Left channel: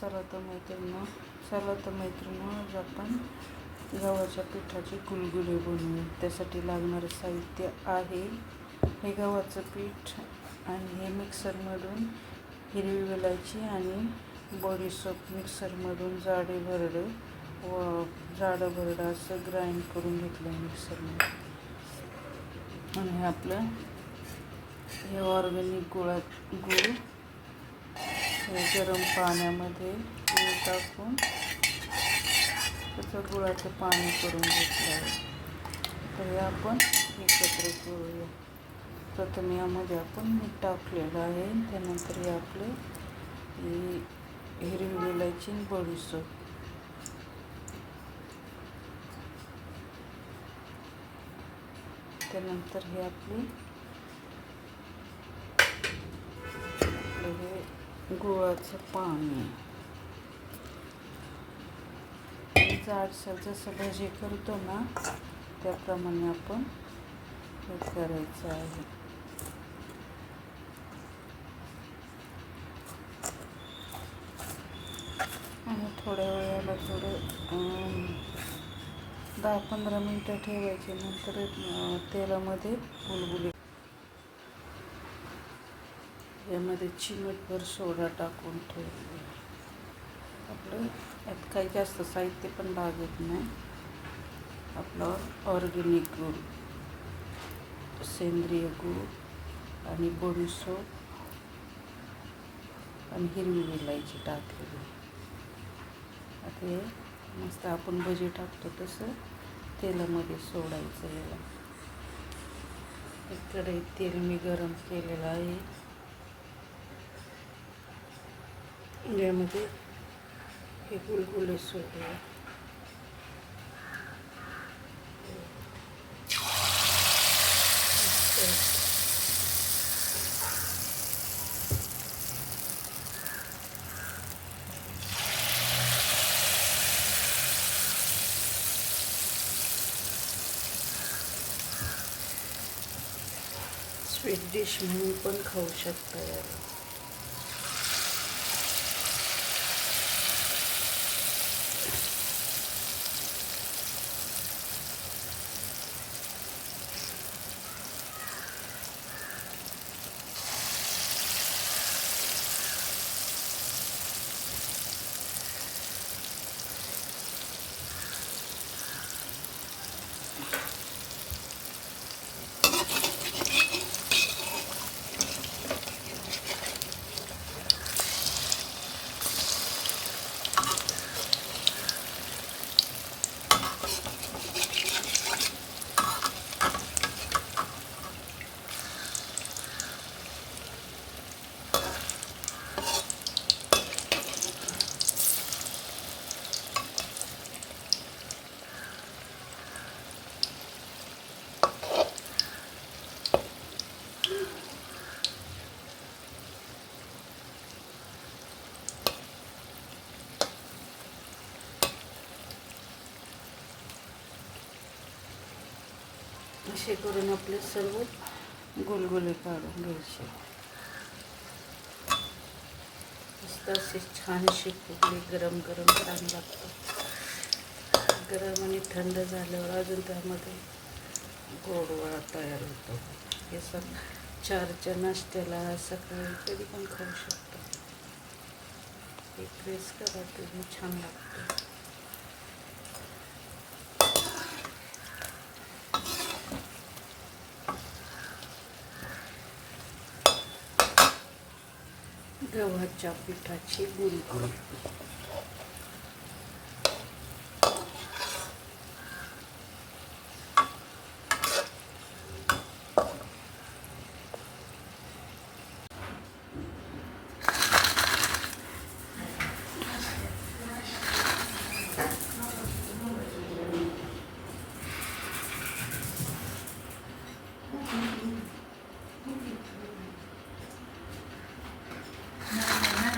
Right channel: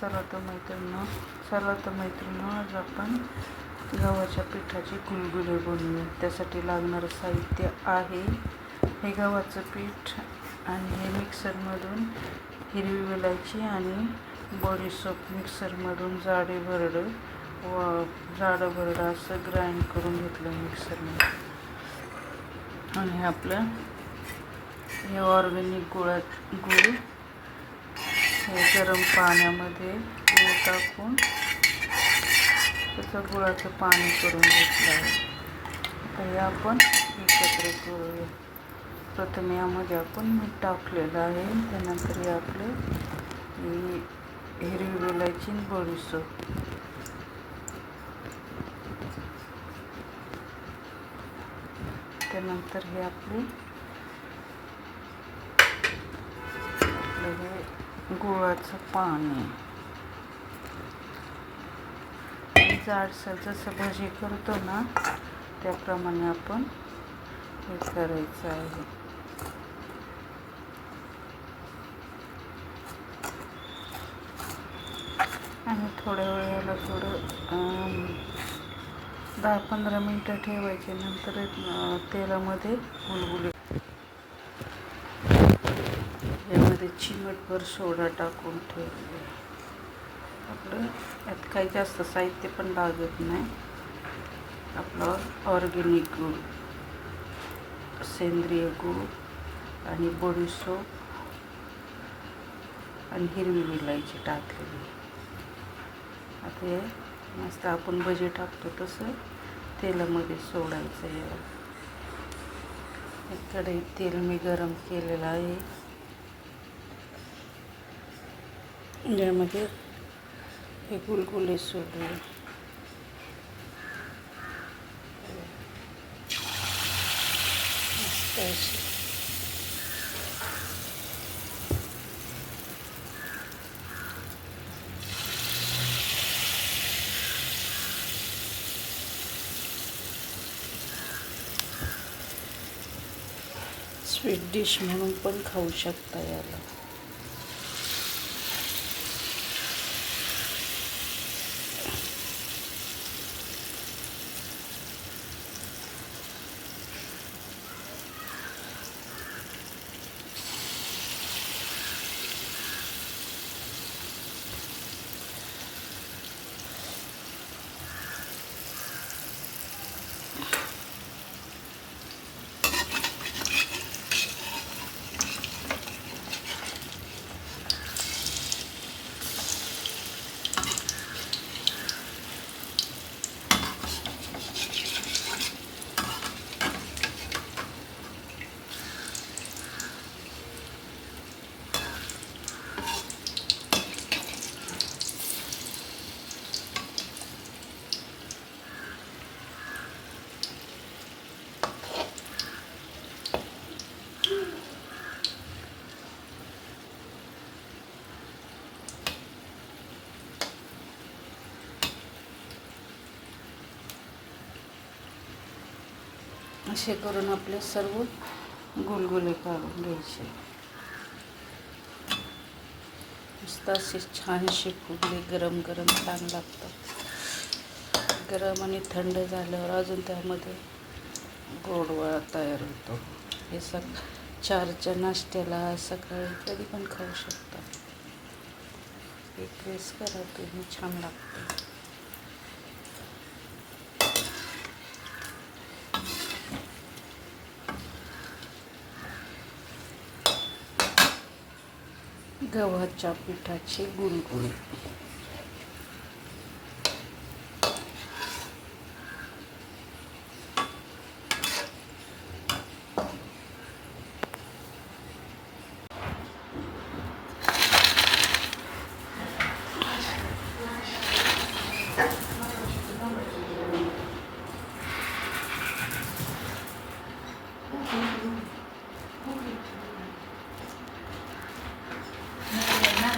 चला तर मैत्रिणी चला तर मैत्रिणी आज आपण गव्हाच्या पिठाची गुलगुले बनवूया. त्यासाठी लागणारं साहित्य आहे हे गव्हाचं पीठ आणि हे मिक्सरमधून हिरवी वेलायची आणि बॉडीसोप मिक्सरमधून जाडे भरडं व जाडं भरडं असं ग्राइंड करून घेतलं मिक्सरमध्ये. आणि हे आपलं हे ऑर्गॅनिक गुळात गुळ गरम पाण्यामध्ये गूळ टाकून त्याचं गुळाचं पाणी करून घेतलं आहे. तर हे आपण एकत्र करूया. प्रथम यामध्ये आपण मीठ टाकलेलं आहे. त्यानंतर हे आपले हिरवी वेलायची आणि त्यानंतर हे आपले आपलं हे गुळाचं पाणी. जाडसर जसं भजी करतो ना त्याप्रमाणे आपण हे करायचं आहे. आणि थोड्या वेळाला थोडं दहा पंधरा मिनटं ठेवायचे नंतर तेलामध्ये गुलगुले यामध्ये चिमटभर सोडा टाकून ठेवले आपलं यात काही जास्त साहित्य पण लागत नाही. आपलं ऑर्गेनिक गूळ सेंद्रिय गूळ आणि बडीसोप आणि हिरवी विलायची टाकलेली आता हे मस्त आपण भजी टाकतो तसं तेलामध्ये सोडायचं याला. एक तेल मी गरम केलेलं आहे. ज्यामध्ये हे गुलगुले सोडले स्वीट डिश म्हणून पण खाऊ शकता याला. असे करून आपले सर्व गुलगुले काढून घ्यायचे. मस्त असे छानसे फुगले गरम गरम छान लागतं गरम आणि थंड झाल्यावर अजून त्यामध्ये गोडवा तयार होतो. हे सग चारच्या नाश्त्याला सकाळी कधी पण खाऊ शकता. हे प्रेस करा तुम्ही छान लागतं. गव्हाच्या पिठाचे गुलगुले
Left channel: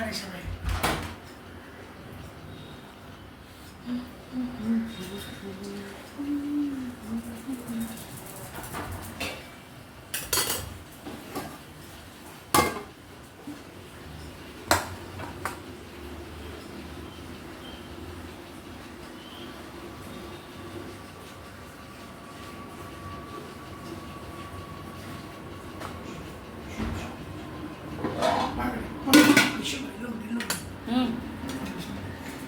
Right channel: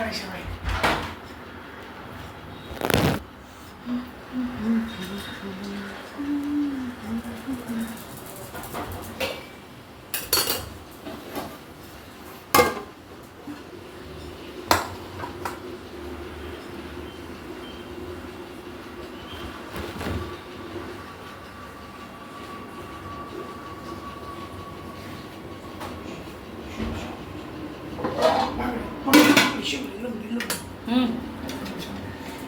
বাই সবাই 嗯。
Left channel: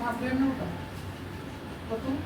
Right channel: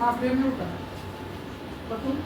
啊，对 Abre